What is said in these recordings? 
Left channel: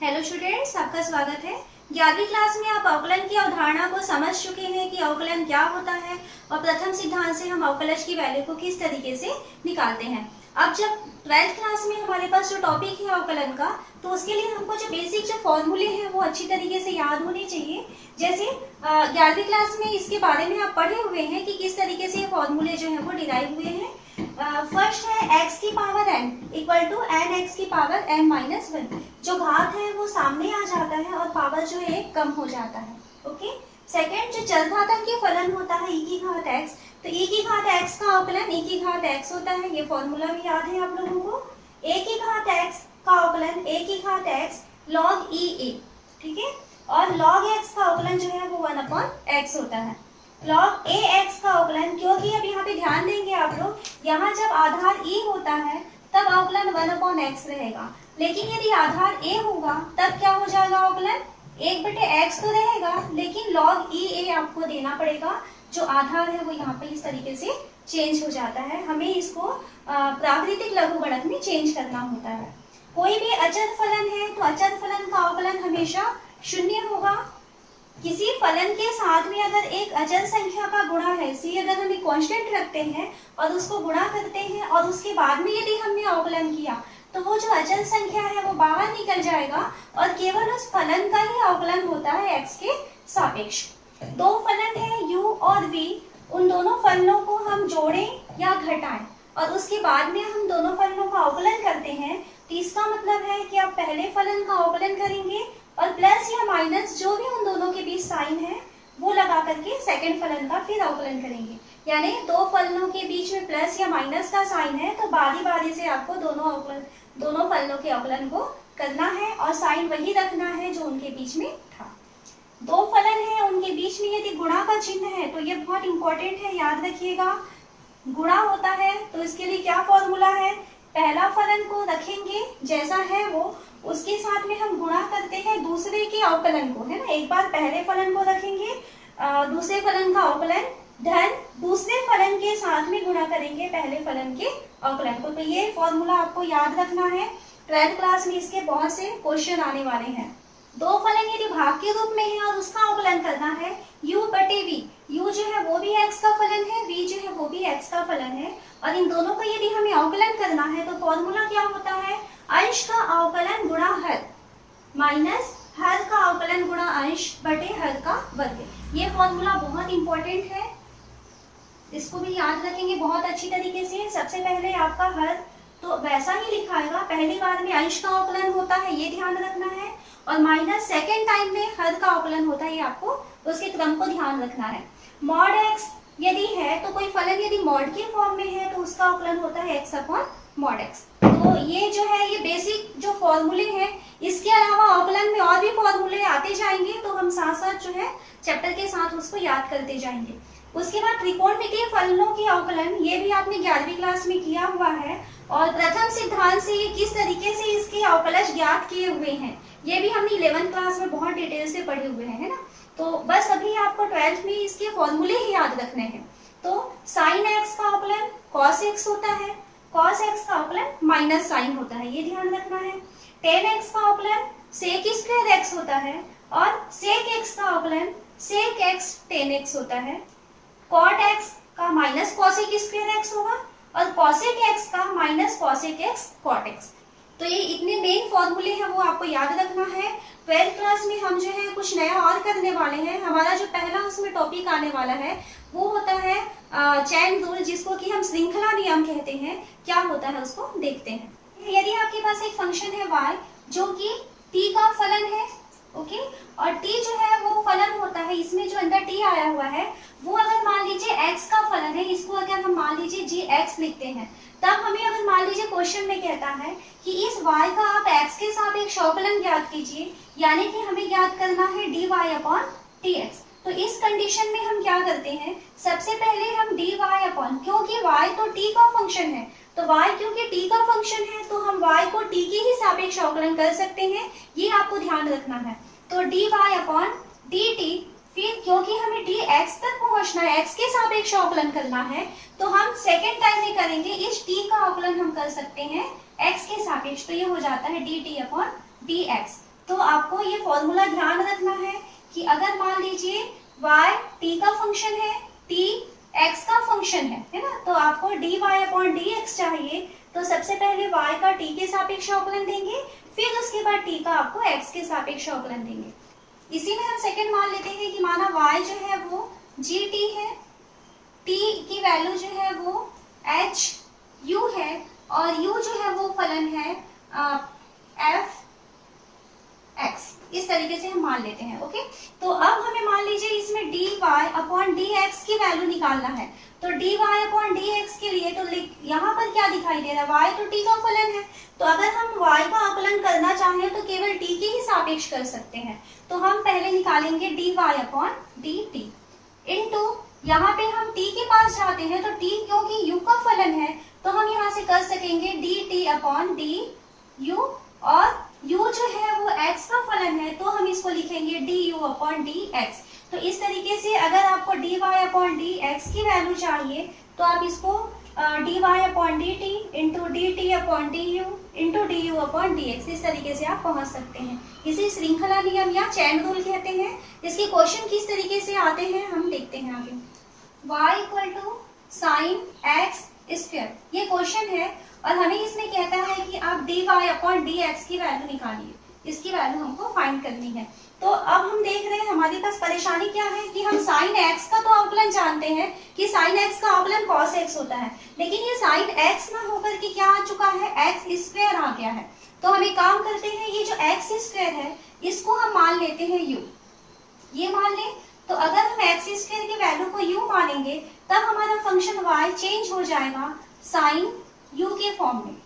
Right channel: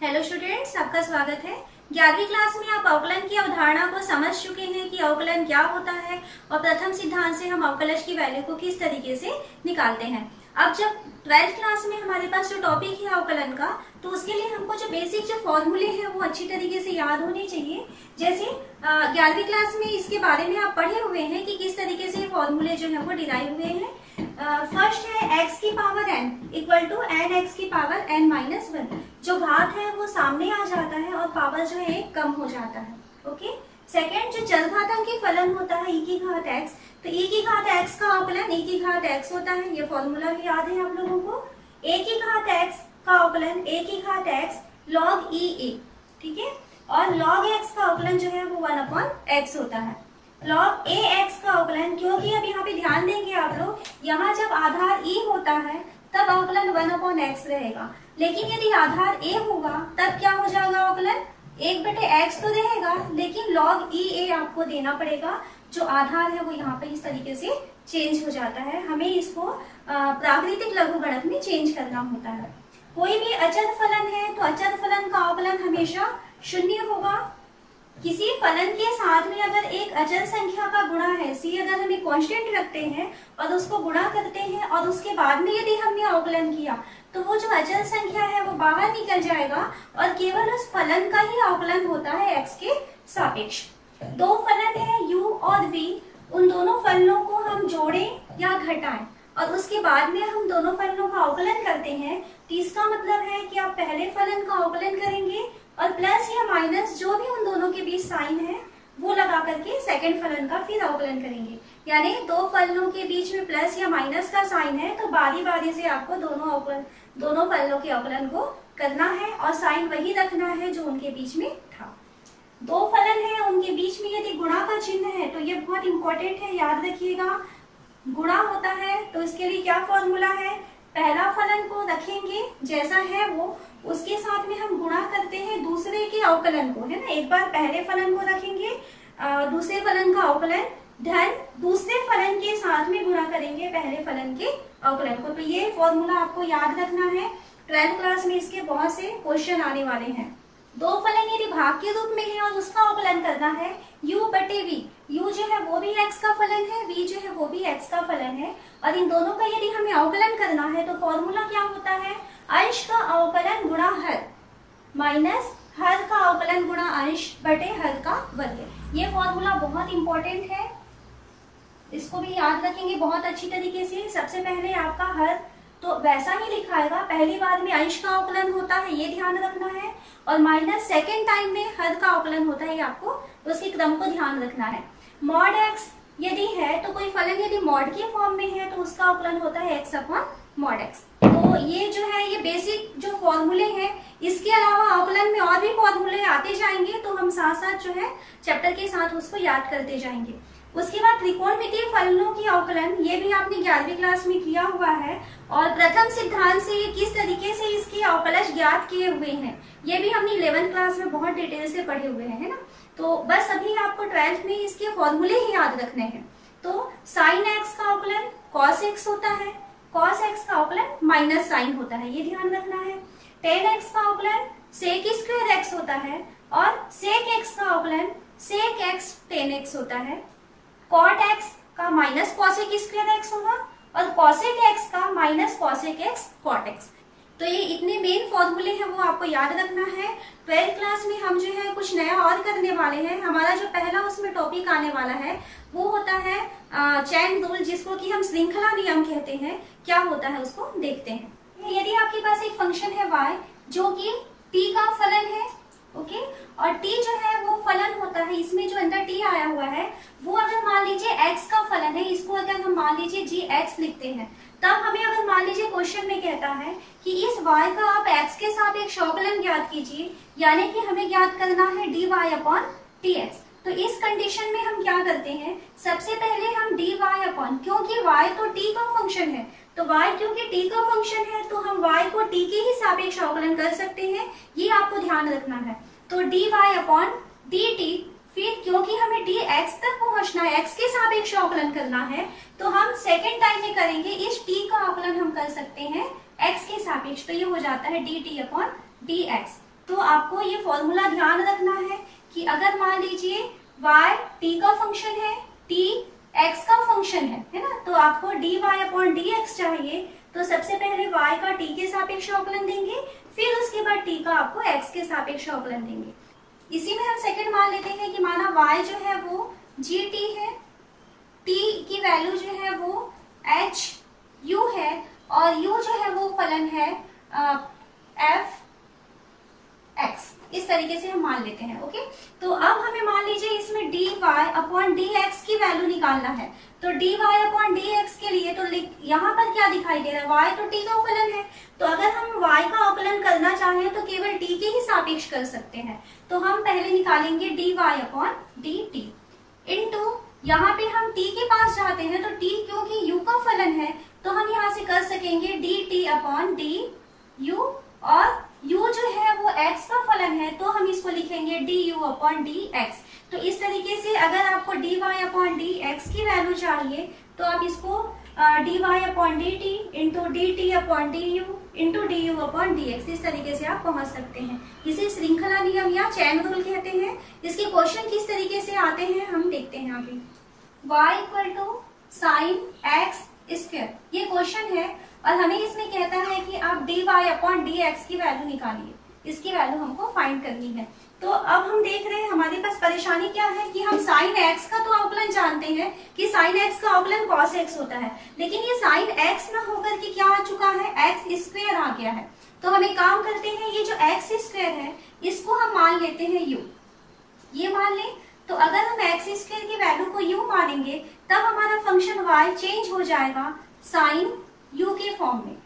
Hello students, आपका स्वागत है। 11वीं क्लास में आप अवकलन की अवधारणा को समझ चुके हैं कि अवकलन क्या होता है और प्रथम सिद्धांत से हम अवकलज की वैल्यू को किस तरीके से निकालते हैं। अब जब 12th क्लास में हमारे पास जो टॉपिक है अवकलन का, तो उसके लिए हमको जो बेसिक जो फॉर्मूले हैं वो अच्छी तरीके से याद होने चाहिए। जैसे 11वीं क्लास में इसके बारे में आप पढ़े हुए हैं कि किस तरीके से फॉर्मूले जो है वो डिराइव हुए हैं। फर्स्ट है x की power n equal to N X की पावर n-1। जो घात है वो सामने आ जाता है और पावर जो है कम हो जाता है। ओके। सेकेंड, जो चरघातांकी फलन होता है e की घात x, तो e की घात x का अवकलन e की घात x होता है। ये फॉर्मूला भी याद है आप लोगों को। a की घात x का अवकलन a की घात x log e a, ठीक है। और log x का अवकलन जो है वो 1/x होता है। log a x का अवकलन, क्योंकि अब यहाँ पे ध्यान देंगे आप लोग, यहाँ जब आधार e होता है तब अवकलन 1/x रहेगा, लेकिन यदि आधार a होगा तब क्या हो जाएगा अवकलन 1/x तो रहेगा, लेकिन log e a आपको देना पड़ेगा। जो आधार है वो यहाँ पे इस तरीके से चेंज हो जाता है। हमें इसको प्राकृतिक लघुगणक में चेंज करना होता है। कोई भी अचर फलन है तो अचर फलन का अवकलन हमेशा शून्य होगा। किसी फलन के साथ में अगर एक अचर संख्या का गुणा है, सी अगर हमें कांस्टेंट रखते हैं और उसको गुणा करते हैं और उसके बाद में यदि हमने अवकलन किया तो वो जो अचर संख्या है वो बाहर निकल जाएगा और केवल उस फलन का ही अवकलन होता है x के सापेक्ष। दो फलन है u और v, उन दोनों फलनों को हम जोड़ें या घटाएं और उसके बाद में हम दोनों फलनों का अवकलन करते हैं, तो इसका मतलब है कि आप पहले फलन का अवकलन करेंगे और प्लस या माइनस जो भी उन दोनों के बीच साइन है वो लगा करके सेकंड फलन का फिर अवकलन करेंगे। यानी दो फलनों के बीच में प्लस या माइनस का साइन है तो बारी बारी से आपको दोनों फलनों के अवकलन को करना है और साइन वही रखना है जो उनके बीच में था। दो फलन है, उनके बीच में यदि गुणा का चिन्ह है तो ये बहुत इंपॉर्टेंट है, याद रखिएगा। गुणा होता है तो इसके लिए क्या फॉर्मूला है, पहला फलन को रखेंगे जैसा है वो, उसके साथ में हम गुणा करते हैं दूसरे के अवकलन को, है ना। एक बार पहले फलन को रखेंगे, दूसरे फलन का अवकलन धन दूसरे फलन के साथ में गुणा करेंगे पहले फलन के अवकलन को। तो ये फॉर्मूला आपको याद रखना है। 12th क्लास में इसके बहुत से क्वेश्चन आने वाले हैं। दो फलन यदि भाग के रूप में है और उसका अवकलन करना है u/v, u जो है वो भी x का फलन है, v जो है वो भी x का फलन है, और इन दोनों का यदि हमें अवकलन करना है तो फॉर्मूला क्या होता है, अंश का अवकलन गुणा हर माइनस हर का अवकलन गुणा अंश बटे हर का वर्ग। ये फॉर्मूला बहुत इंपॉर्टेंट है, इसको भी याद रखेंगे बहुत अच्छी तरीके से। सबसे पहले आपका हर तो वैसा ही लिखाएगा, पहली बार में अंश का अवकलन होता है ये ध्यान रखना है, और माइनस सेकेंड टाइम में हर का अवकलन होता है, ये आपको उसके क्रम को ध्यान रखना है। मॉड x यदि है तो कोई फलन यदि मॉड के फॉर्म में है तो उसका अवकलन होता है x/mod x। तो ये जो है ये बेसिक जो फॉर्मूले हैं, इसके अलावा अवकलन में और भी फॉर्मूले आते जाएंगे तो हम साथ साथ जो है चैप्टर के साथ उसको याद करते जाएंगे। उसके बाद त्रिकोणमितीय फलनों के अवकलन, ये भी आपने 11वीं क्लास में किया हुआ है, और प्रथम सिद्धांत से ये किस तरीके से इसके अवकलज ज्ञात किए हुए हैं ये भी हमने 11th क्लास में बहुत डिटेल से पढ़े हुए हैं, है ना। तो बस अभी आपको 12th में इसके फॉर्मूले ही याद रखने हैं। तो साइन x का अवकलन cos x होता है, cos x का अवकलन माइनस साइन होता है, ये ध्यान रखना है। tan x का अवकलन sec स्क्वायर x होता है, और sec x का अवकलन sec x tan x होता है। cot x का माइनस cosec स्क्वायर x होगा और cosec x का minus cosec x cot x। तो ये इतने मेन फॉर्मूले हैं वो आपको याद रखना है। 12th क्लास में हम जो है कुछ नया और करने वाले हैं। हमारा जो पहला उसमें टॉपिक आने वाला है वो होता है चैन रूल, जिसको कि हम श्रृंखला नियम कहते हैं। क्या होता है उसको देखते हैं। यदि आपके पास एक फंक्शन है y जो कि t का फलन है, ओके, और t जो है वो फलन होता है, इसमें जो अंदर t आया हुआ है वो अगर मान लीजिए x का फलन है, इसको अगर हम मान लीजिए gx लिखते हैं, तब हमें अगर मान लीजिए क्वेश्चन में कहता है कि इस y का आप x के साथ एक अवकलन ज्ञात कीजिए, यानी कि हमें ज्ञात करना है dy/dx। तो इस कंडीशन में हम क्या करते हैं, सबसे पहले हम dy क्योंकि y तो t का फंक्शन है, तो y क्योंकि t का फंक्शन है तो हम y को t के ही सापेक्ष अवकलन कर सकते हैं, ये आपको ध्यान रखना है। तो dy/dt, फिर क्योंकि हमें dx तक पहुंचना है, x के सापेक्ष अवकलन करना है, तो हम सेकेंड टाइम में करेंगे, इस t का अवकलन हम कर सकते हैं x के सापेक्ष, तो ये हो जाता है dt/dx। तो आपको ये फॉर्मूला ध्यान रखना है कि अगर मान लीजिए y t का फंक्शन है, t x का फंक्शन है ना, तो आपको dy/dx चाहिए। तो सबसे पहले y का t के सापेक्ष अवकलन देंगे, फिर उसके बाद t का आपको x के सापेक्ष अवकलन देंगे। इसी में हम सेकंड मान लेते हैं कि माना y जो है वो gt है, t की वैल्यू जो है वो h u है और u जो है वो फलन है f x। इस तरीके से हम मान लेते हैं। ओके, तो अब हमें मान लीजिए इसमें dy/dx की वैल्यू निकालना है। तो dy/dx के लिए तो यहाँ पर क्या दिखाई दे रहा है, y तो t का फलन है, तो अगर हम y का अवकलन करना चाहें तो केवल t के ही सापेक्ष कर सकते हैं। तो हम पहले निकालेंगे dy/dt इनटू, यहाँ पे हम t के पास जाते हैं तो t क्योंकि u का फलन है तो हम यहाँ से कर सकेंगे dt/du, और u जो है वो x का फलन है तो हम इसको लिखेंगे du/dx। तो इस तरीके से अगर आपको dy/dx की वैल्यू चाहिए तो आप इसको dy/dt into dt/du into du/dx इस तरीके से आप पहुंच सकते हैं। इसे श्रृंखला नियम या चैन रूल कहते हैं। इसके क्वेश्चन किस तरीके से आते हैं हम देखते हैं आगे। y = sin x स्क्वायर, ये क्वेश्चन है और हमें इसमें कहता है कि आप dy/dx की वैल्यू निकालिए, इसकी वैल्यू हमको फाइंड करनी है। तो अब हम देख रहे हैं हमारे पास परेशानी क्या है कि हम sin x का तो अवकलन जानते हैं कि sin x का अवकलन cos x होता है, लेकिन ये sin x ना होकर के क्या आ चुका है, x स्क्वायर आ गया है। तो हम एक काम करते हैं, ये जो x स्क्वायर है इसको हम मान लेते हैं u, ये मान लें। तो अगर हम x स्क्वायर की वैल्यू को u मानेंगे तब हमारा फंक्शन y चेंज हो जाएगा sin u के फॉर्म में।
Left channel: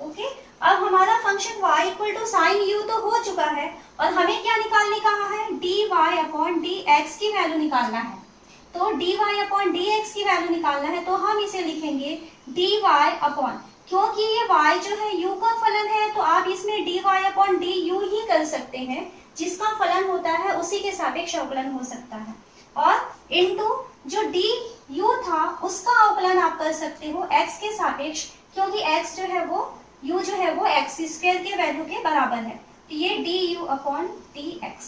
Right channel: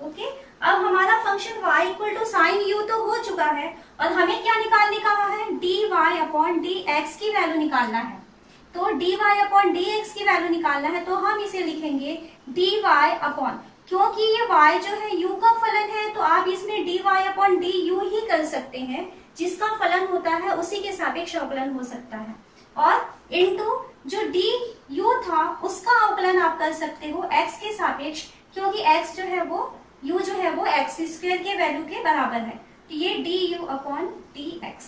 ओके, अब हमारा फंक्शन y = sin u तो हो चुका है और हमें क्या निकालने कहा है, dy/dx की वैल्यू निकालना है। तो dy/dx की वैल्यू निकालना है तो हम इसे लिखेंगे dy क्योंकि ये y जो है u का फलन है तो आप इसमें dy/du ही कर सकते हैं, जिसका फलन होता है उसी के सापेक्ष अवकलन हो सकता है, और इनटू जो du था उसका अवकलन आप कर सकते हो x के सापेक्ष, क्योंकि x जो है वो u जो है वो x स्क्वायर के वैल्यू के बराबर है। तो ये du/dx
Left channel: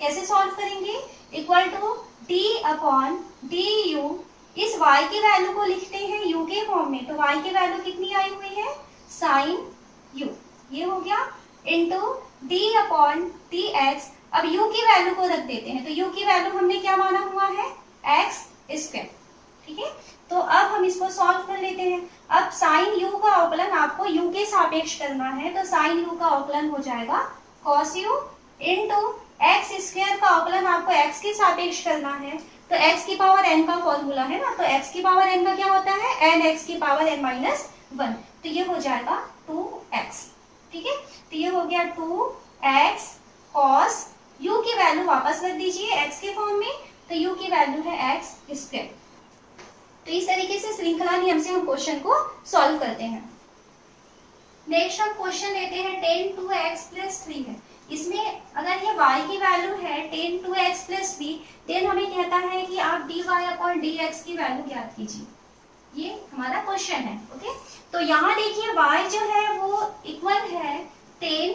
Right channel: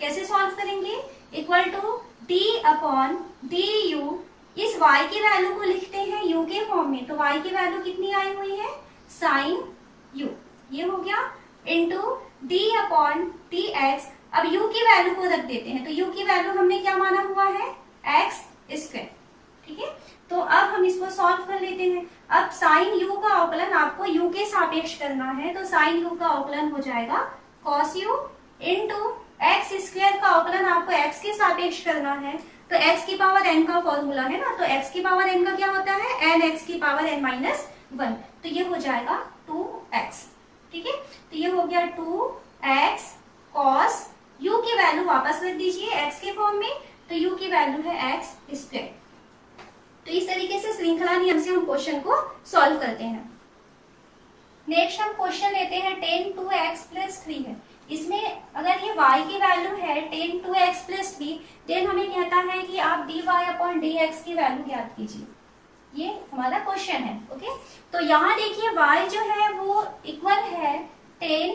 कैसे सॉल्व करेंगे, इक्वल टू d/du, इस y की वैल्यू को लिखते हैं u के फॉर्म में। तो y की वैल्यू कितनी आई हुई है, sin u, ये हो गया, इनटू d/dx। अब u की वैल्यू को रख देते हैं, तो u की वैल्यू हमने क्या माना हुआ है, x स्क्वायर। ठीक है, तो अब हम इसको सॉल्व कर लेते हैं। अब sin u का अवकलन आपको u के सापेक्ष करना है, तो sin u का अवकलन हो जाएगा cos u into x square का अवकलन आपको x के सापेक्ष करना है। तो x की पावर n का फॉर्मूला है ना, तो x की पावर n का क्या होता है, nx की पावर n-1, तो ये हो जाएगा 2x। ठीक है, तो ये हो गया 2x cos u की वैल्यू वापस रख दीजिए x के फॉर्म में, तो u की वैल्यू है x स्क्वायर। तो इस तरीके से श्रृंखला नियम से हम क्वेश्चन को सॉल्व करते हैं। नेक्स्ट हम क्वेश्चन लेते हैं 10 2x + 3 है। इसमें अगर ये y की वैल्यू है 10 2x + 3, देन हमें कहता है कि आप dy/dx की वैल्यू ज्ञात कीजिए। ये हमारा क्वेश्चन है। ओके, तो यहाँ देखिए y जो है वो इक्वल है 10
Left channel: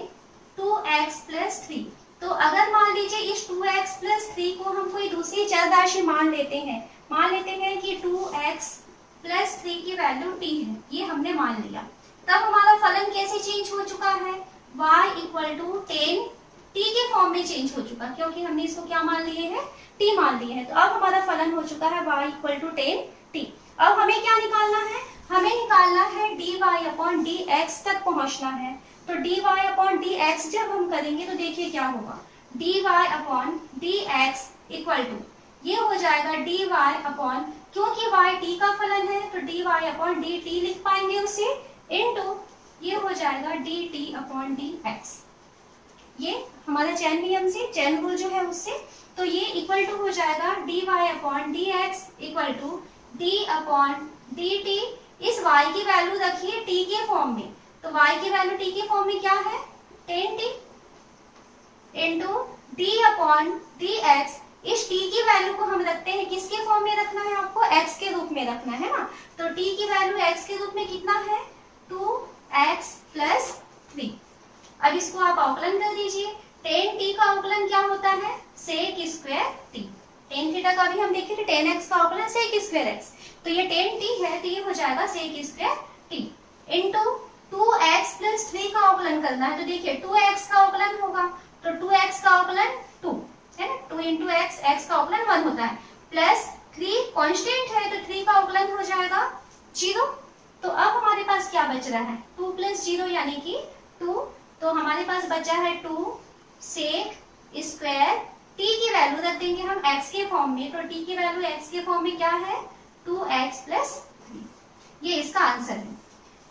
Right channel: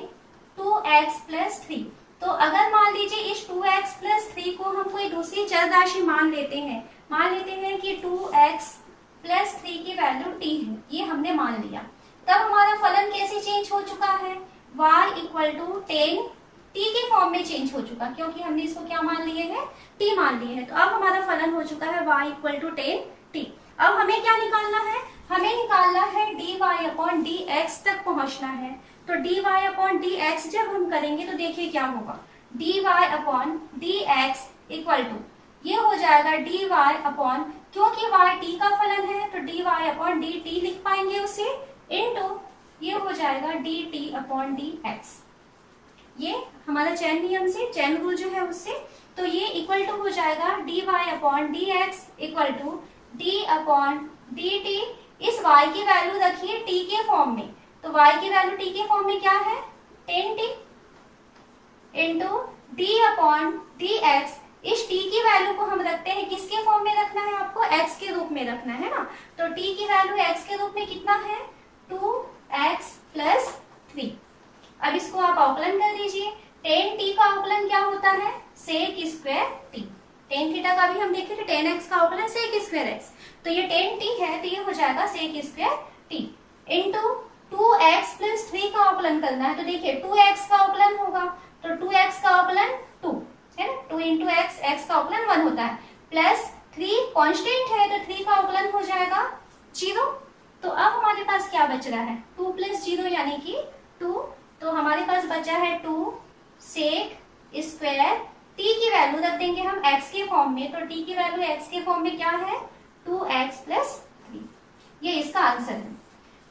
2x + 3। तो अगर मान लीजिए इस 2x + 3 को हम कोई दूसरी चर राशि मान लेते हैं कि 2x + 3 की वैल्यू t है, ये हमने मान लिया, तब हमारा फलन कैसे चेंज हो चुका है, y = 10 t के फॉर्म में चेंज हो चुका, क्योंकि हमने इसको क्या मान लिए हैं, t मान लिए हैं। तो अब हमारा फलन हो चुका है y = 10 t। अब हमें क्या निकालना है, हमें निकालना है dy/dx तक पहुंचना है। तो dy/dx जब हम करेंगे तो देखिए क्या होगा, dy/dx = ये हो जाएगा dy क्योंकि y t का फलन है तो dy/dt लिख पाएंगे उसे, इनटू ये हो जाएगा dt/dx। ये हमारा चैन नियम से, चैन रूल जो है उससे, तो ये इक्वल टू हो जाएगा dy/dx = d/dt। इस y की वैल्यू रखिए t के फॉर्म में, तो y की वैल्यू t के फॉर्म में क्या है, 10t इंटू d/dx। इस t की वैल्यू को हम रखते हैं, किसके फॉर्म में रखना है, आपको x के रूप में रखना है ना। तो t की वैल्यू x के रूप में कितना है, 2x + 3। अब इसको आप अवकलन कर दीजिए, टेन टी का अवकलन क्या होता है, sec square T. Tan theta का भी हम देखे थे, टेन एक्स का अवकलन सेक स्क्वायर एक्स, तो ये टेन टी है तो ये हो जाएगा sec square t into 2x plus 3 का अवकलन करना है। तो देखिए 2x का अवकलन होगा तो 2x का अवकलन 2 है ना, 2 इंटू एक्स, एक्स का अवकलन 1 होता है, प्लस 3 कांस्टेंट है तो 3 का अवकलन हो जाएगा 0। तो अब हमारे पास क्या बच रहा है, 2 प्लस 0 यानी कि 2, तो हमारे पास बचा है 2 सेक स्क्वायर टी की वैल्यू रख देंगे हम x के फॉर्म में, तो t की वैल्यू x के फॉर्म में क्या है 2x प्लस 3, ये इसका आंसर है।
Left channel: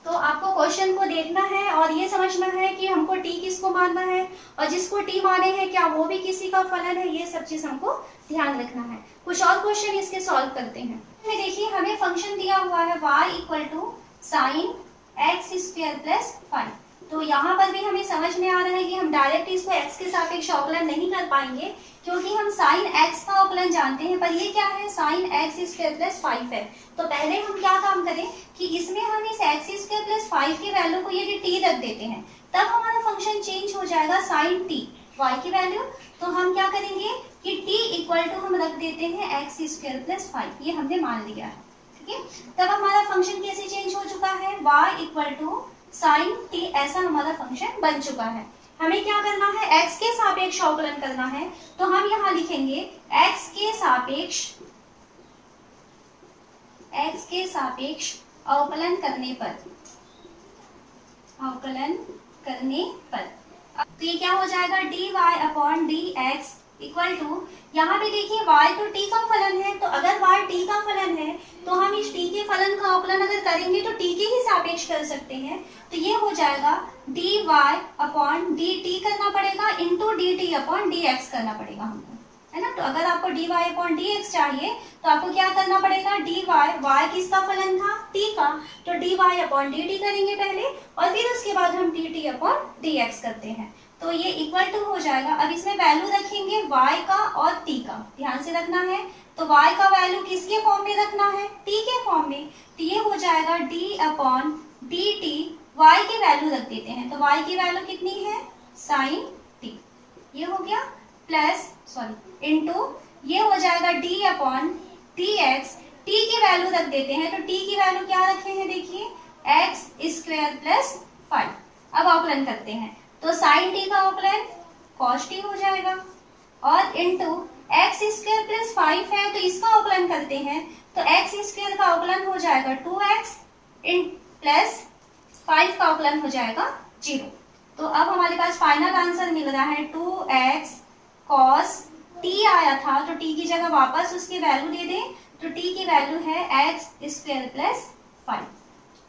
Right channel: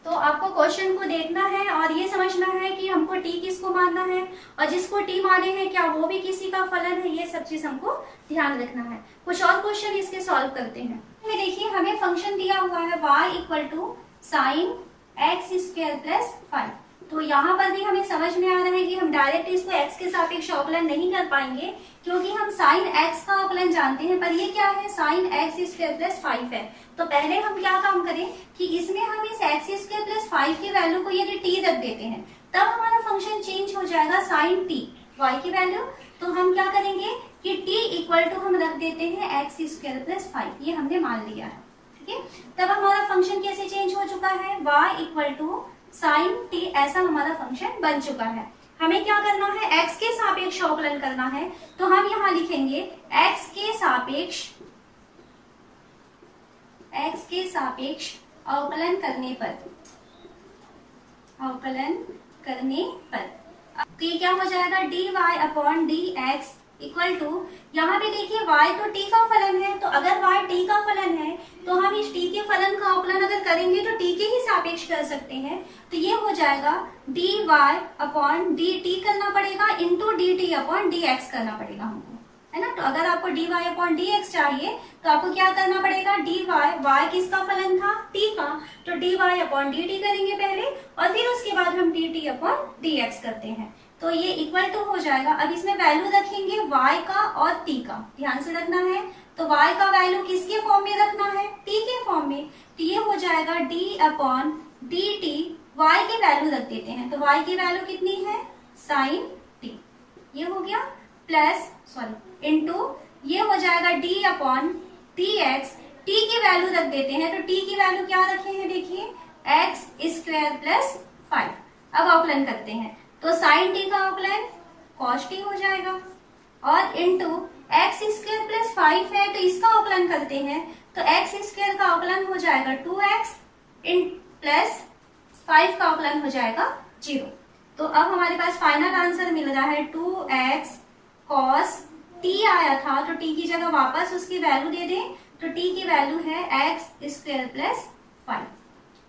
तो आपको क्वेश्चन को देखना है और ये समझना है कि हमको t किसको मानना है और जिसको t माने हैं क्या वो भी किसी का फलन है, ये सब चीज हमको ध्यान रखना है। कुछ और क्वेश्चन इसके सॉल्व करते हैं। देखिए हमें फंक्शन दिया हुआ है y equal to sine x square plus 5, तो यहाँ पर भी हमें समझ में आ रहा है कि हम डायरेक्ट इसको x के सापेक्ष अवकलन नहीं कर पाएंगे क्योंकि हम साइन x का अवकलन जानते हैं, पर ये क्या है साइन एक्स स्क्वायर प्लस 5 है। तो पहले हम क्या काम करें कि इसमें हम इस एक्स स्क्वायर प्लस 5 की वैल्यू को यदि t रख देते हैं तब हमारा फंक्शन चेंज हो जाएगा साइन t y की वैल्यू। तो हम क्या करेंगे कि t इक्वल टू हम रख देते हैं एक्स स्क्वायर प्लस 5, ये हमने मान लिया है, ठीक है। तब हमारा फंक्शन कैसे चेंज हो चुका है, y equal to sine t, ऐसा हमारा फंक्शन बन चुका है। हमें क्या करना है, x के सापेक्ष अवकलन करना है, तो हम यहाँ लिखेंगे x के सापेक्ष अवकलन करने पर तो ये क्या हो जाएगा dy upon dx equal to, यहाँ पे देखिए y तो t का फलन है, तो अगर y t का फलन है तो हम इस t के फलन का अवकलन अगर करेंगे तो t के ही सापेक्ष कर सकते हैं, तो ये हो जाएगा dy अपॉन dt करना पड़ेगा इंटू dt अपॉन dx करना पड़ेगा हमको, है ना। तो अगर आपको dy अपॉन dx चाहिए तो आपको क्या करना पड़ेगा, dy, y किसका फलन था t का, तो dy अपॉन dt करेंगे पहले और फिर उसके बाद हम dt अपॉन dx करते हैं, तो ये इक्वल टू हो जाएगा। अब इसमें वैल्यू रखेंगे y का और t का, ध्यान से रखना है। तो y का वैल्यू किसके फॉर्म में रखना है, t के फॉर्म में, तो ये हो जाएगा d अपॉन dt, y की वैल्यू रख देते हैं, तो y की वैल्यू कितनी है साइन t, ये हो गया, प्लस इंटू ये हो जाएगा d अपॉन dx, t की वैल्यू रख देते हैं, तो t की वैल्यू क्या रखे हैं देखिए एक्स स्क्वायर प्लस 5। अब अवकलन करते हैं तो साइन t का अवकलन कॉस t हो जाएगा और इंटू एक्स स्क्वायर प्लस 5 है तो इसका अवकलन करते हैं, तो एक्स स्क्वायर का अवकलन हो जाएगा 2x प्लस 5 का अवकलन हो जाएगा 0। तो अब हमारे पास फाइनल आंसर मिल रहा है 2x cos t आया था, तो t की जगह वापस उसकी वैल्यू दे दें, तो t की वैल्यू है एक्स स्क्वायर प्लस 5,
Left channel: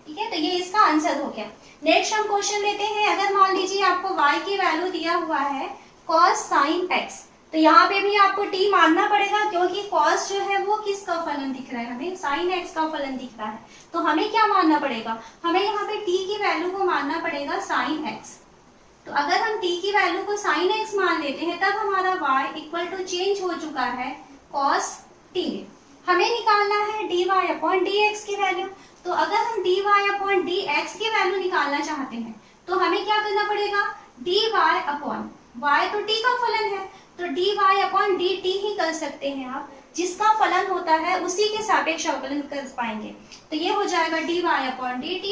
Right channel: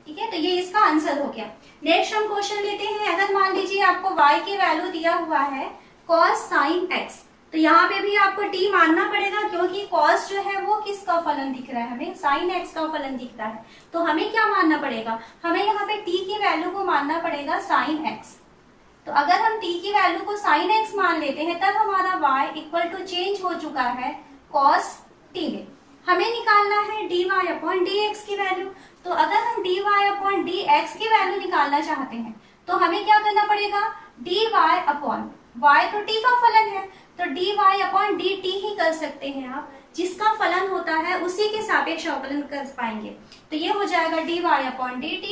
ठीक है। तो ये इसका आंसर हो गया। नेक्स्ट हम क्वेश्चन लेते हैं। अगर मान लीजिए आपको y की वैल्यू दिया हुआ है cos sin x, तो यहाँ पे भी आपको t मानना पड़ेगा क्योंकि cos जो है वो किसका फलन दिख रहा है, हमें sin x का फलन दिख रहा है, तो हमें क्या मानना पड़ेगा, हमें यहाँ पे t की वैल्यू को मानना पड़ेगा sin x। तो अगर हम t की वैल्यू को sin x मान लेते हैं तब हमारा y इक्वल टू चेंज हो चुका है cos t में। हमें निकालना है dy अपॉन dx की वैल्यू, तो अगर हम dy अपॉन dx की वैल्यू निकालना चाहते हैं तो हमें क्या करना पड़ेगा, dy अपॉन y तो t का फलन है, तो dy अपॉन dt ही कर सकते हैं आप, जिसका फलन होता है उसी के सापेक्ष अवकलन कर पाएंगे, तो ये हो जाएगा dy upon dt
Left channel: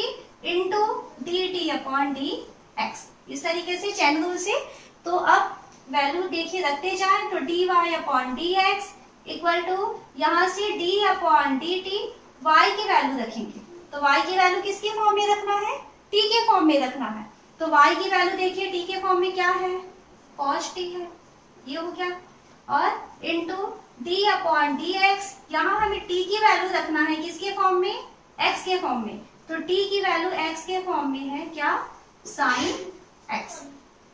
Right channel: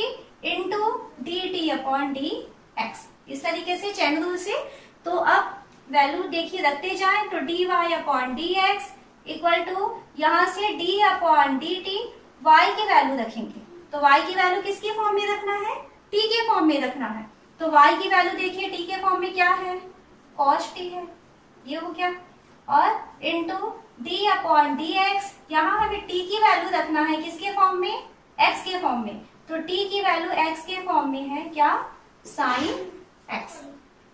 into dt upon dx, इस तरीके से चैन रूल से। तो अब वैल्यू देखिए रखते जाए, तो dy upon dx equal to यहाँ से d अपॉन dt, y की वैल्यू रखेंगे, तो y की वैल्यू किसके फॉर्म में रखना है, t के फॉर्म में रखना है, तो y की वैल्यू देखिए t के फॉर्म में क्या है cos t है, ये हो गया, और इंटू d अपॉन dx, यहाँ हमें t की वैल्यू रखना है किसके फॉर्म में, x के फॉर्म में, तो t की वैल्यू x के फॉर्म में है क्या साइन x।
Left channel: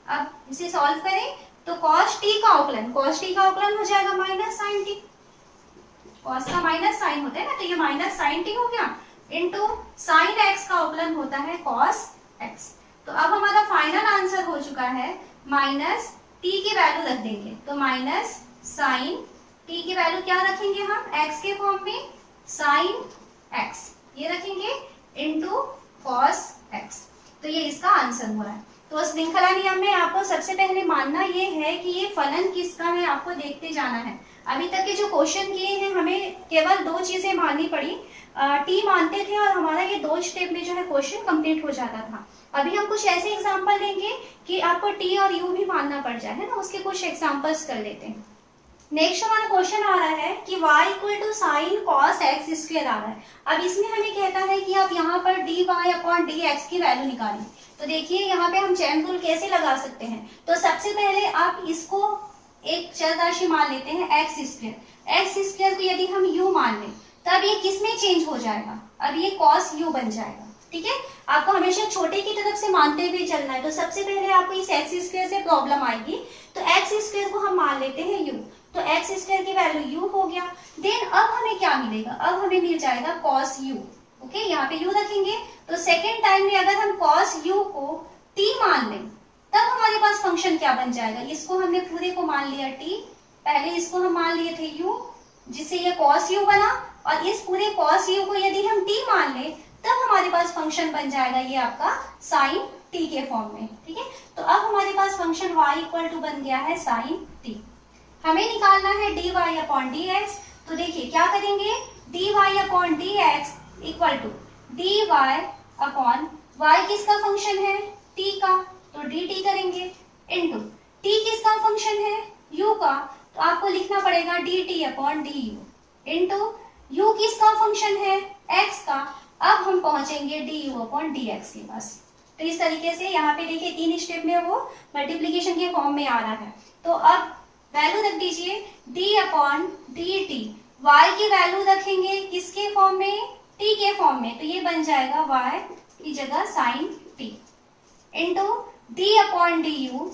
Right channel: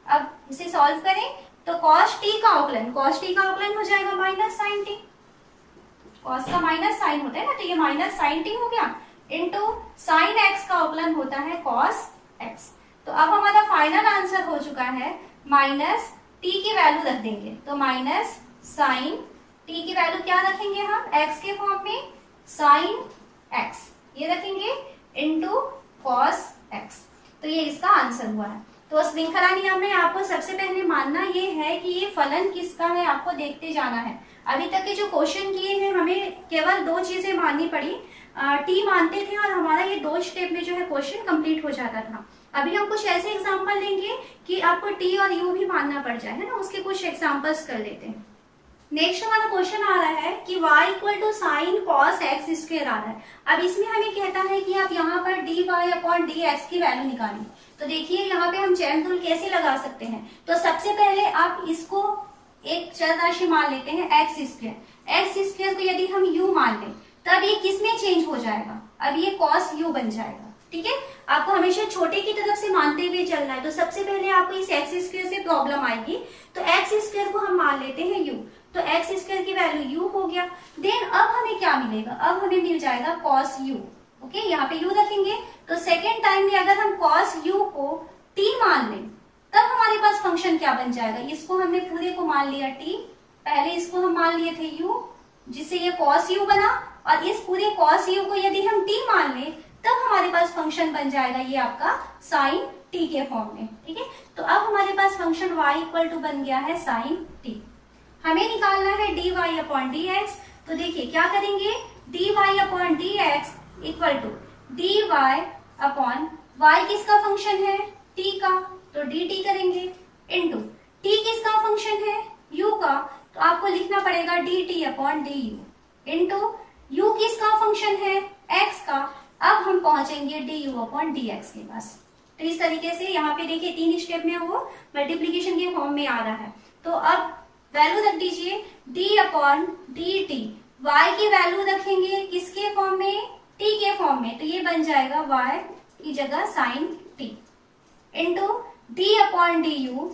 अब इसे सॉल्व करें तो cos t का अवकलन हो जाएगा माइनस साइन t, cos का माइनस साइन होता है ना, तो ये माइनस साइन t हो गया, इंटू साइन x का अवकलन होता है cos x। तो अब हमारा फाइनल आंसर हो चुका है माइनस t की वैल्यू रख देंगे, तो माइनस साइन t की वैल्यू क्या रखेंगे हम x के फॉर्म में साइन x, ये रखेंगे इंटू cos x, तो ये इसका आंसर हुआ है। तो श्रृंखला नियम में आपको सबसे पहले मानना ये है कि ये फलन किसका है, आपको देखते जाना है। अभी तक के जो क्वेश्चन किए हैं हमें केवल 2 चीजें माननी पड़ी, टी मानते थे और हमारा ये 2 स्टेप में जो है क्वेश्चन कंप्लीट हो जाता था। अभी हम कुछ ऐसे एग्जांपल लेंगे कि आपको टी और यू भी मानना पड़ जाए, है ना, उसके कुछ एग्जांपल्स कर लेते हैं। नेक्स्ट हमारा क्वेश्चन आ रहा है कि y equal to sine cos x square आ रहा है। अब इसमें हमें कहता है कि आप यहाँ पर dy अपॉन dx की वैल्यू निकालें। तो देखिए यहाँ पे हम चैन रूल कैसे लगा सकते हैं। तो सबसे पहले आप इसको एक चर राशि मान लेते हैं एक्स स्क्वायर। एक्स स्क्वायर को यदि हम u मान लें तब ये किसमें चेंज हो जाएगा, अब ये कॉस u बन जाएगा। ठीक है, आपको हमेशा छोटे की तरफ से मानते हुए चलना है। तो सबसे पहले आपको इस एक्स स्क्वायर से प्रॉब्लम आएगी, तो एक्स स्क्वायर को हम मान लेते हैं u, तो एक्स स्क्वायर की वैल्यू u हो गया। देन अब हमें क्या मिलेगा, अब हमें मिल जाएगा cos u। ओके, यहाँ पे u रखेंगे तो सेकेंड टाइम में अगर हम cos u को t मान लें तब हमारे पास फंक्शन क्या बन जाएगा। इसको हमने पूरे को मान लिया t, पहले इसको हम मान लिए थे u जिससे ये cos u बना, और इस पूरे cos u को यदि हम t मान लें तब हमारे पास फंक्शन बन जाएगा ये आपका sin t के फॉर्म में। ठीक है, तो अब हमारे पास फंक्शन y इक्वल टू बन गया है sin t। हमें निकालना है dy अपॉन dx। तो देखिए क्या करेंगे, dy upon dx equal to dy upon y किसका फंक्शन है, t का, तो dt करेंगे, इनटू t किसका फंक्शन है, u का, तो आपको लिखना पड़ेगा dt upon du, into u किसका फंक्शन है, x का। अब हम पहुंचेंगे du अपॉन dx के पास। तो इस तरीके से यहाँ पे देखिए 3 स्टेप में वो मल्टीप्लीकेशन के फॉर्म में आ रहा है। तो अब वैल्यू रख दीजिए d अपॉन dt, y की वैल्यू रखेंगे किसके फॉर्म में, t के फॉर्म में, तो ये बन जाएगा y की जगह sin t, into d upon du,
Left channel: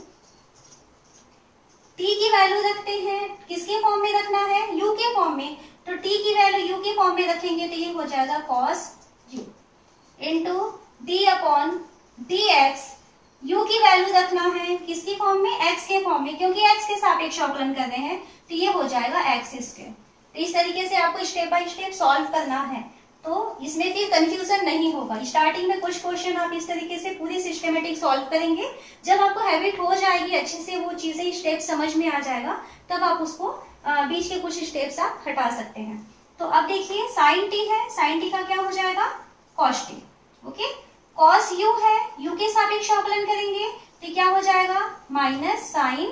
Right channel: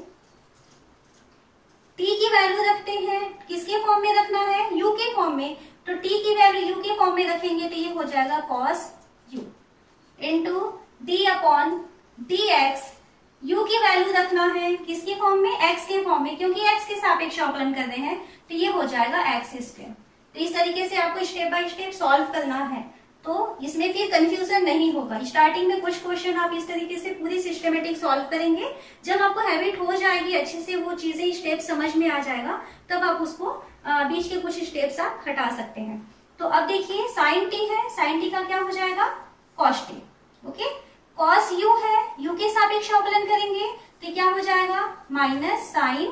t की वैल्यू रखते हैं किसके फॉर्म में रखना है, u के फॉर्म में, तो t की वैल्यू u के फॉर्म में रखेंगे तो ये हो जाएगा cos u, into d upon dx, u की वैल्यू रखना है किसके फॉर्म में, x के फॉर्म में, क्योंकि x के सापेक्ष अवकलन कर रहे हैं तो ये हो जाएगा x स्क्वायर। तो इस तरीके से आपको स्टेप बाय स्टेप सॉल्व करना है, तो इसमें फिर कंफ्यूजन नहीं होगा। स्टार्टिंग में कुछ क्वेश्चन आप इस तरीके से पूरी सिस्टमेटिक सॉल्व करेंगे, जब आपको हैबिट हो जाएगी अच्छे से, वो चीजें स्टेप समझ में आ जाएगा, तब आप उसको बीच के कुछ स्टेप्स आप हटा सकते हैं। तो अब देखिए sin t है, sin t का क्या हो जाएगा cos t। Okay, cos u है, u के सापेक्ष अवकलन करेंगे तो क्या हो जाएगा माइनस sin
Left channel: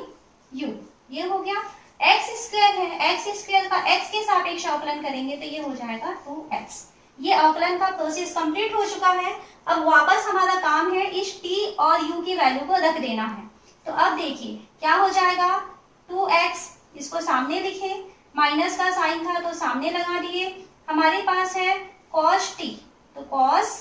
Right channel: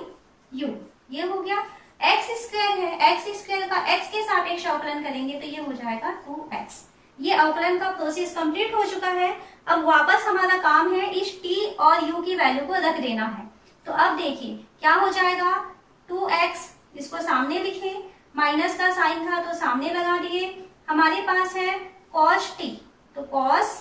u, ये हो गया। x स्क्वायर है, x स्क्वायर का x के सापेक्ष अवकलन करेंगे तो ये हो जाएगा 2x। ये अवकलन का प्रोसेस कंप्लीट हो चुका है। अब वापस हमारा काम है इस t और u की वैल्यू को रख देना है। तो अब देखिए क्या हो जाएगा, 2x, इसको सामने लिखे, माइनस का साइन था तो सामने लगा दिए, हमारे पास है cos t, तो cos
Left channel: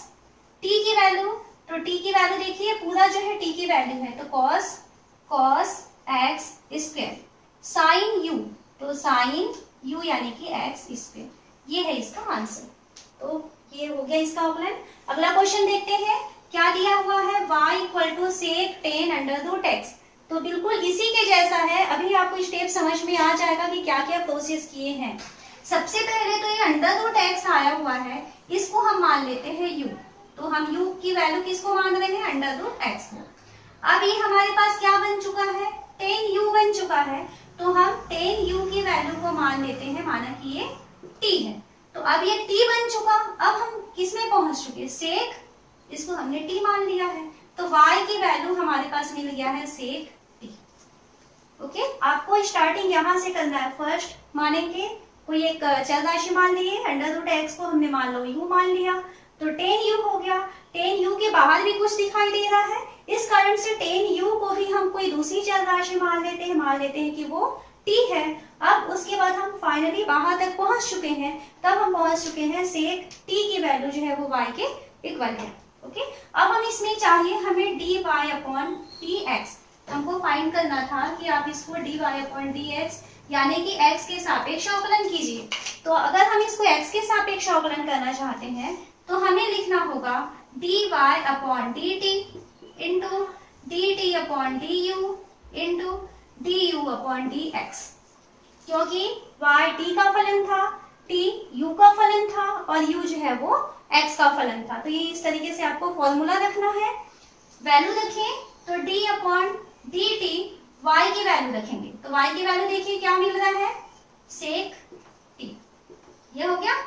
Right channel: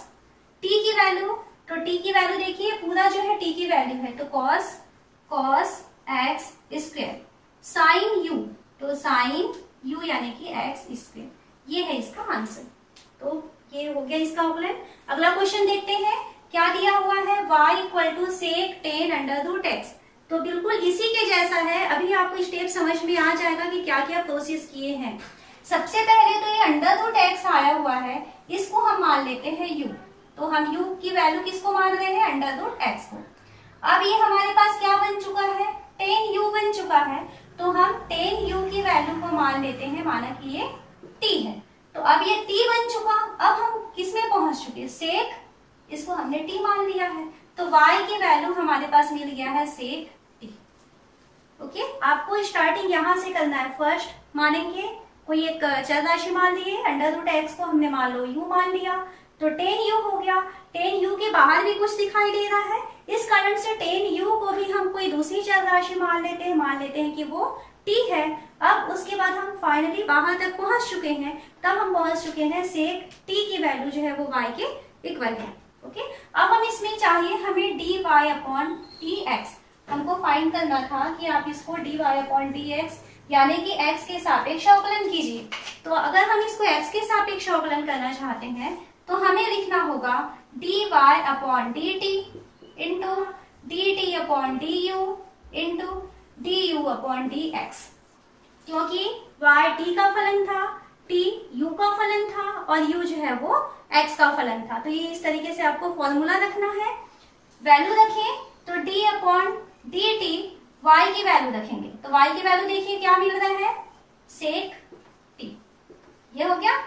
t की वैल्यू, तो t की वैल्यू देखिए पूरा जो है t की वैल्यू है, तो cos x square, sin u, तो sin u यानी कि x स्क्वायर, ये है इसका आंसर। तो ये हो गया इसका अवकलन। अगला क्वेश्चन देखते हैं, क्या दिया हुआ है, y equal to sec tan under root x. तो बिल्कुल इसी के जैसा है, अभी आपको स्टेप समझ में आ जाएगा कि क्या क्या प्रोसेस किए हैं। सबसे पहले तो ये अंडर रूट एक्स आया हुआ है, इसको हम मान लेते हैं u, तो हम u की वैल्यू किसको मान रहे हैं, अंडर रूट एक्स को। अब ये हमारे पास क्या बन चुका है, टेन u बन चुका है, तो हम टेन u की वैल्यू को मान लेते हैं, माना कि ये t है, तो अब ये t बन चुका। अब हम किस में पहुंच चुके, सेक, इसको हमने t मान लिया है, तो y की वैल्यू हमारे पास मिल गया है सेक t। ओके, आपको स्टार्टिंग यहां से करना है। फर्स्ट मानेंगे कोई एक चर राशि मान लिए, अंडर रूट एक्स को हमने मान लो u मान लिया, तो टेन u हो गया। टेन u के बाहर भी कुछ दिखाई दे रहा है, इस कारण से टेन u को भी हम कोई दूसरी चर राशि मान लेते हैं कि वो t है। अब उसके बाद हम फाइनली बाहर तक पहुंच चुके हैं, तब हम पहुंच चुके हैं सेक t की वैल्यू जो है वो y के इक्वल है। ओके, अब हम इसमें चाहिए हमें dy अपॉन dx, हमको फाइंड करना था कि आप इसको dy अपॉन dx यानी कि x के सापेक्ष अवकलन कीजिए। तो अगर हम इसको x के सापेक्ष अवकलन करना चाहते हैं तो हमें लिखना होगा dy upon dt into dt upon du into du upon dx, क्योंकि y t का फलन था, t u का फलन था और u जो है वो x का फलन था। तो ये इस तरीके से आपको फॉर्मूला रखना है। वैल्यू रखें तो d upon D T y की वैल्यू रखेंगे, तो y की वैल्यू देखिए क्या मिल रहा है, सेक t, ये हो गया,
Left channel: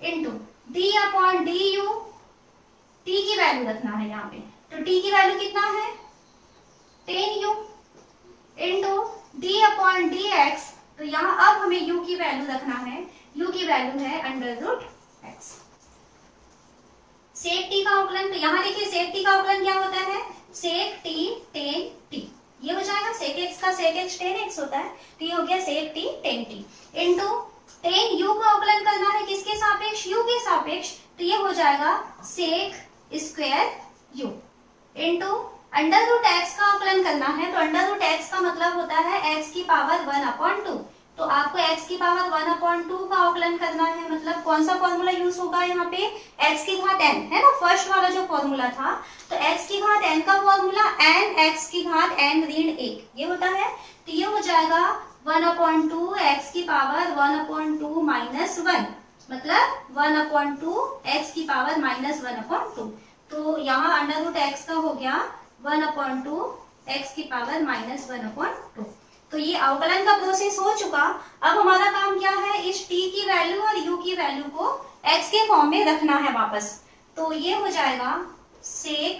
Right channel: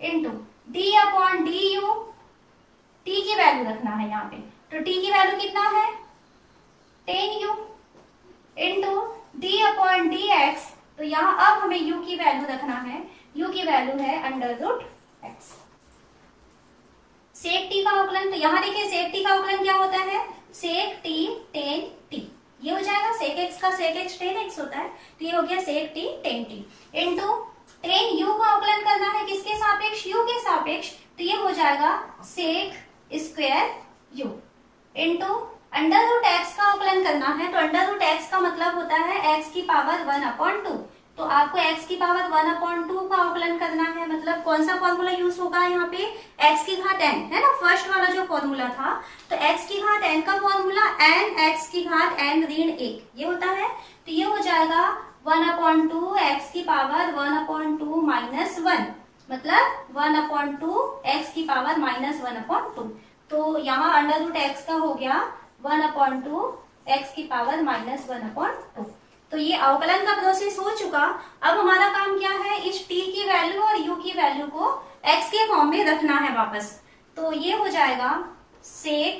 into d upon D you, t की वैल्यू रखना है यहाँ पे, तो t की वैल्यू कितना है 10u, into d upon D x, तो यहाँ अब हमें u की वैल्यू रखना है, u की वैल्यू है अंडर रूट एक्स। सेक टी का अवकलन, तो यहाँ देखिए सेक टी का अवकलन क्या होता है, सेक टी टेन टी, ये हो जाएगा, सेक एक्स का सेक एक्स टेन एक्स होता है, तो ये हो गया sec t tan t, into tan u का अवकलन करना है किसके सापेक्ष, यू के सापेक्ष, तो ये हो जाएगा sec square u, into under root x का अवकलन करना है, तो अंडर रूट एक्स का मतलब होता है एक्स की पावर 1/2, तो आपको x की पावर 1/2 का अवकलन करना है, मतलब कौन सा फॉर्मूला यूज होगा यहाँ पे, x की घात n है ना, फर्स्ट वाला जो फॉर्मूला था, तो x की घात n का फॉर्मूला n x की घात n ऋण 1 ये होता है, तो ये हो जाएगा 1/2 x की पावर 1/2 माइनस 1, मतलब 1/2 x की पावर माइनस 1/2, तो यहाँ अंडर रूट x का हो गया 1/2 x की पावर माइनस 1/2। तो ये अवकलन का प्रोसेस हो चुका। अब हमारा काम क्या है, इस t की वैल्यू और u की वैल्यू को x के फॉर्म में रखना है वापस, तो ये हो जाएगा सेक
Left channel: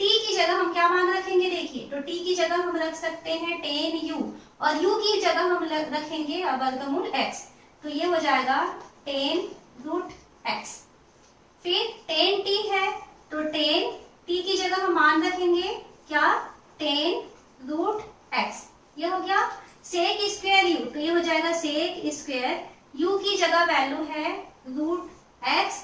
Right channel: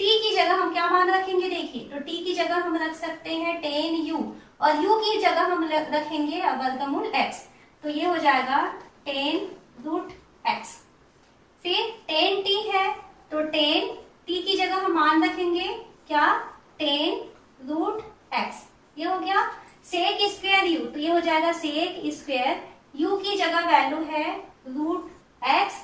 t की जगह हम क्या मान रखेंगे, देखिए, तो t की जगह हम रख सकते हैं 10u और u की जगह हम रखेंगे वर्गमूल x, तो ये हो जाएगा 10 रूट x, फिर 10t है तो 10t की जगह हम मान रखेंगे क्या 10 रूट x, ये हो गया सेक स्क्वायर यू, तो ये हो जाएगा सेक स्क्वायर यू की जगह वैल्यू है रूट एक्स,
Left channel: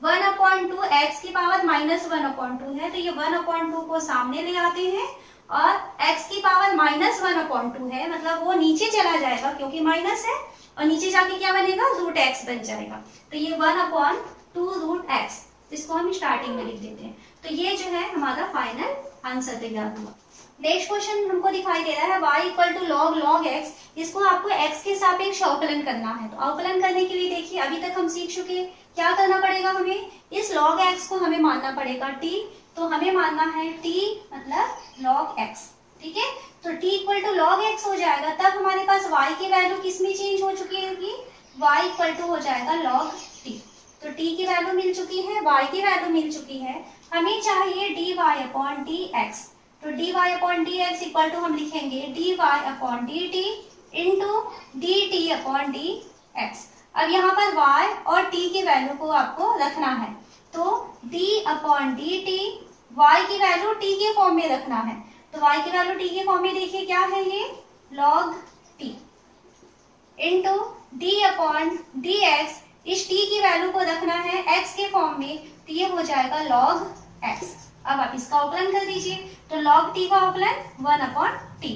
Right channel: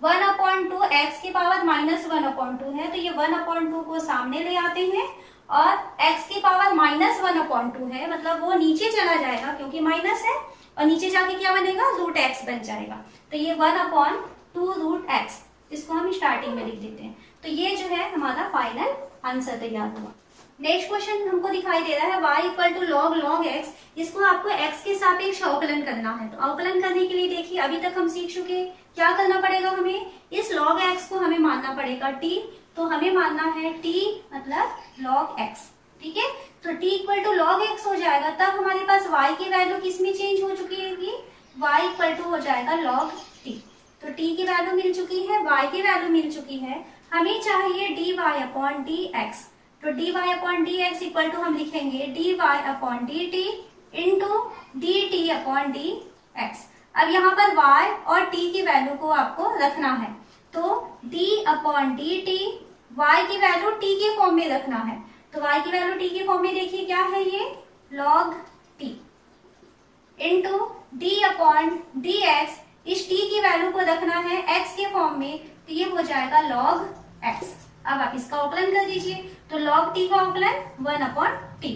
1/2 एक्स की पावर माइनस 1/2 है, तो ये 1/2 को सामने ले आते हैं और x की पावर माइनस 1/2 है, मतलब वो नीचे चला जाएगा क्योंकि माइनस है, और नीचे जाके क्या बनेगा रूट एक्स बन जाएगा, तो ये 1/2 रूट एक्स, इसको हम स्टार्टिंग में लिख देते हैं, तो ये जो है हमारा फाइनल आंसर तैयार हुआ। नेक्स्ट क्वेश्चन हमको दिखाई दे रहा है y equal to log x, इसको आपको x के सापेक्ष अवकलन करना है, तो अवकलन करने के लिए देखिए अभी तक हम सीख चुके, क्या करना पड़ेगा हमें, इस log x को हमें मानना पड़ेगा t, तो हमें मानना है t मतलब log x, ठीक है, तो t equal to log x हो जाएगा, तब हमारे पास y की वैल्यू किस में चेंज हो चुकी है कि y इक्वल टू हो जाएगा log t, तो t की वैल्यू मिल चुकी है, y की वैल्यू मिल चुकी है, हमें चाहिए dy अपॉन dx, तो dy upon dx equal to हम लिखेंगे dy upon dt into dt upon dx। अब यहाँ पर y और t की वैल्यू को आपको रखना है, तो d अपॉन dt y की वैल्यू t के फॉर्म में रखना है, तो y की वैल्यू t के फॉर्म में देखिए क्या है, ये log t into d upon dx, इस t की वैल्यू को रखना है x के फॉर्म में, तो ये हो जाएगा log x। अब आप इसका अवकलन कर दीजिए, तो log t का अवकलन 1/t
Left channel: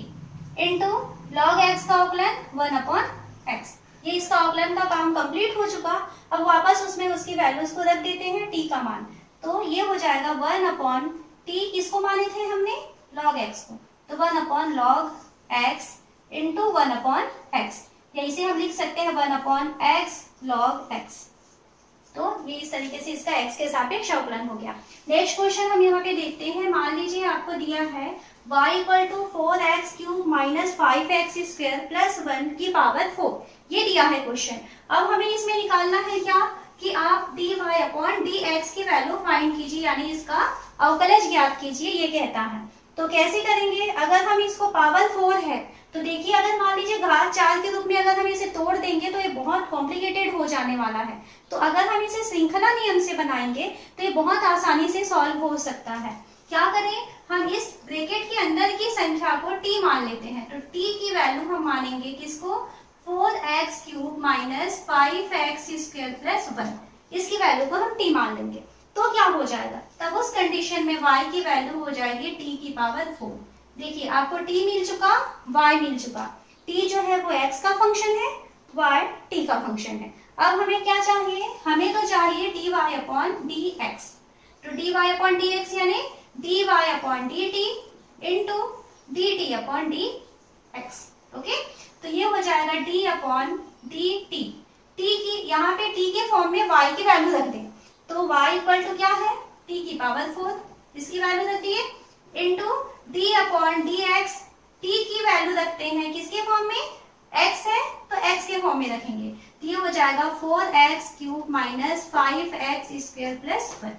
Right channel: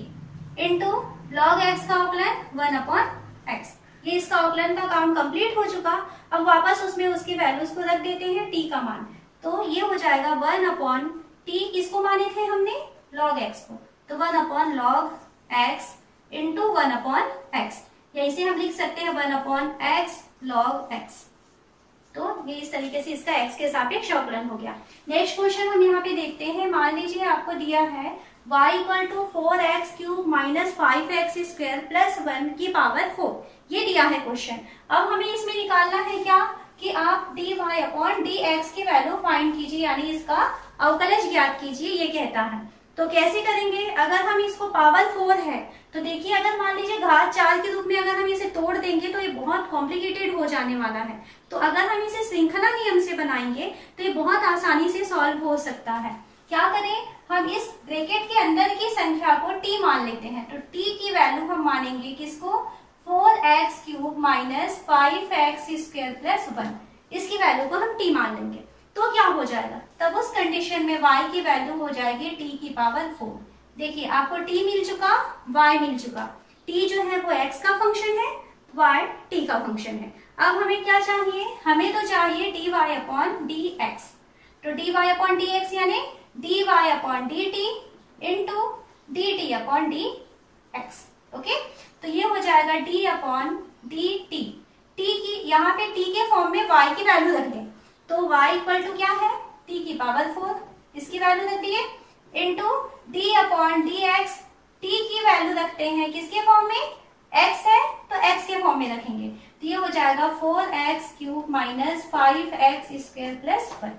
इंटू log x का अवकलन 1/x, ये इसका अवकलन का काम कंप्लीट हो चुका। अब वापस उसमें उसकी वैल्यूज को रख देते हैं t का मान, तो ये हो जाएगा 1/t, किसको माने थे हमने log x को, तो 1/log x इंटू 1/x, यही से हम लिख सकते हैं 1/x log x, तो ये इस तरीके से इसका x के सापेक्ष अवकलन हो गया। नेक्स्ट क्वेश्चन हम यहाँ पे देखते हैं, मान लीजिए आपको दिया है y equal to 4x³ minus 5x square plus 1 की पावर 4, ये दिया है क्वेश्चन। अब हमें इसमें निकालना है क्या कि आप dy अपॉन dx की वैल्यू फाइंड कीजिए, यानी इसका अवकलज ज्ञात कीजिए, ये कहता है। तो कैसे करेंगे, अगर हम इसको पावर 4 है तो देखिए, अगर मान लीजिए घात 4 के रूप में अगर हम इसे तोड़ देंगे तो ये बहुत कॉम्प्लिकेटेड हो जाने वाला है, तो अगर हम इसे श्रृंखला नियम से बनाएंगे तो ये बहुत आसानी से सॉल्व हो सकता है। क्या करें, हम इस ब्रैकेट के अंदर की संख्या को t मान लेते हैं, तो t की वैल्यू हम मानेंगे किसको 4x³ minus 5x square plus 1, इसकी वैल्यू को हम t मान लेंगे, तो क्या हो जाएगा, तब उस कंडीशन में y की वैल्यू हो जाएगी t की पावर 4। देखिए आपको t मिल चुका, y मिल चुका, t जो है वो x का फंक्शन है, y t का फंक्शन है। अब हमें क्या चाहिए, हमें तो चाहिए dy अपॉन dx, तो dy अपॉन dx यानी dy upon dt into dt upon dx, okay, तो ये हो जाएगा d अपॉन dt, t की यहाँ पे t के फॉर्म में y की वैल्यू रख दें, तो y इक्वल टू क्या है t की पावर 4, इसकी वैल्यू रख दिए into D upon D x. T की वैल्यू रखते हैं किसके फॉर्म में, x है तो x के फॉर्म में रखेंगे, तो ये हो जाएगा 4x cube minus 5x square plus 1।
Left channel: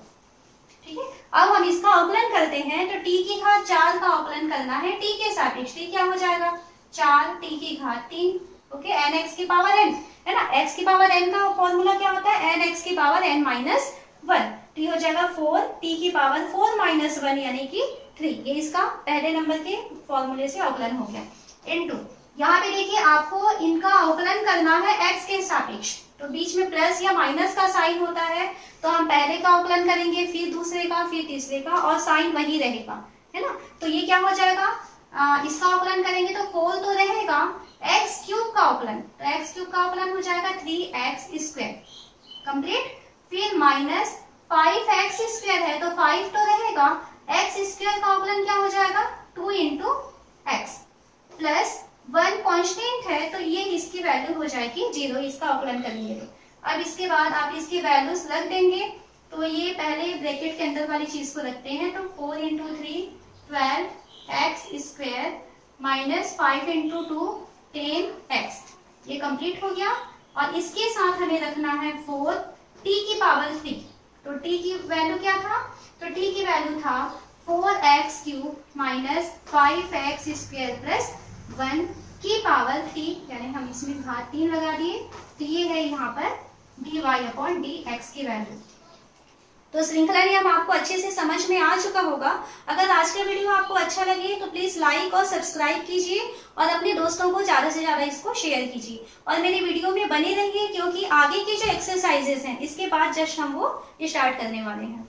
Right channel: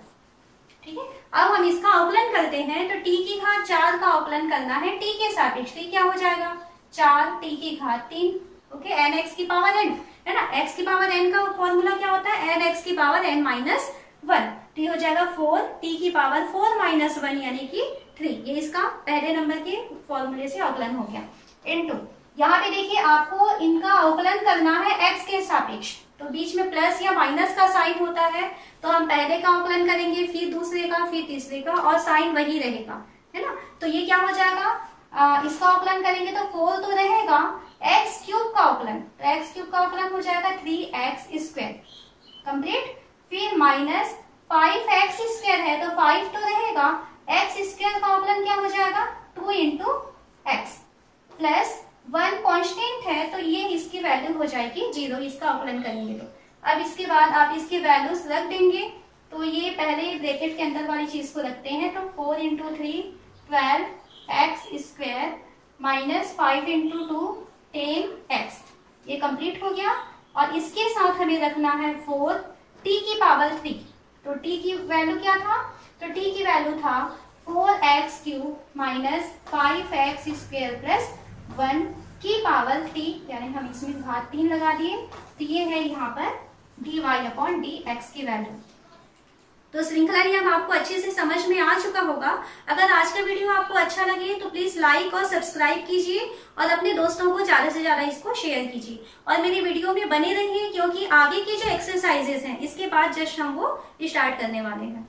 ठीक है, अब हम इसका अवकलन करते हैं, तो t की घात 4 का अवकलन करना है t के सापेक्ष। t क्या हो जाएगा, 4t की घात 3, ओके, nx की पावर n है ना। x की पावर n का फॉर्मूला क्या होता है, nx की पावर n माइनस 1, तो ये हो जाएगा 4t की पावर 4 माइनस 1 यानी कि 3। ये इसका पहले नंबर के फॉर्मूले से अवकलन हो गया। इनटू यहाँ पे देखिए आपको इनका अवकलन करना है x के सापेक्ष, तो बीच में प्लस या माइनस का साइन होता है, तो हम पहले का अवकलन करेंगे, फिर दूसरे का, फिर तीसरे का, और साइन वही रहेगा, है ना। तो ये क्या हो जाएगा, इसका अवकलन करेंगे तो 4 तो रहेगा, x क्यूब का अवकलन, तो x क्यूब का अवकलन हो जाएगा 3x स्क्वायर कंप्लीट, फिर माइनस 5x स्क्वायर है तो 5 तो रहेगा, x स्क्वायर का अवकलन क्या हो जाएगा 2 इंटू एक्स, प्लस 1 कांस्टेंट है तो ये इसकी वैल्यू हो जाएगी 0, इसका अवकलन करेंगे तो। अब इसके बाद आप इसके वैल्यूज रख देंगे, तो ये पहले ब्रैकेट के अंदर वाली चीज को रखते हैं, तो 4 into 3 12x square minus 5 into 2 10x, ये कंप्लीट हो गया। और इसके साथ हमें रखना है 4t की पावर 3, तो t की वैल्यू क्या था, तो t की वैल्यू था 4x cube minus 5x square plus 1 की पावर 3, यानी हम इसमें घात 3 लगा दिए, तो ये है यहाँ पर dy अपॉन dx की वैल्यू। तो श्रृंखला नियम आपको अच्छे से समझ में आ चुका होगा। अगर आज का वीडियो आपको अच्छा लगे तो प्लीज लाइक और सब्सक्राइब कीजिए और अपने दोस्तों को ज्यादा से ज्यादा इसको शेयर कीजिए, और मेरी वीडियो में बने रहिए, क्योंकि आगे की जो एक्सरसाइजेस हैं इसके बाद जस्ट हम वो स्टार्ट करने वाले हैं।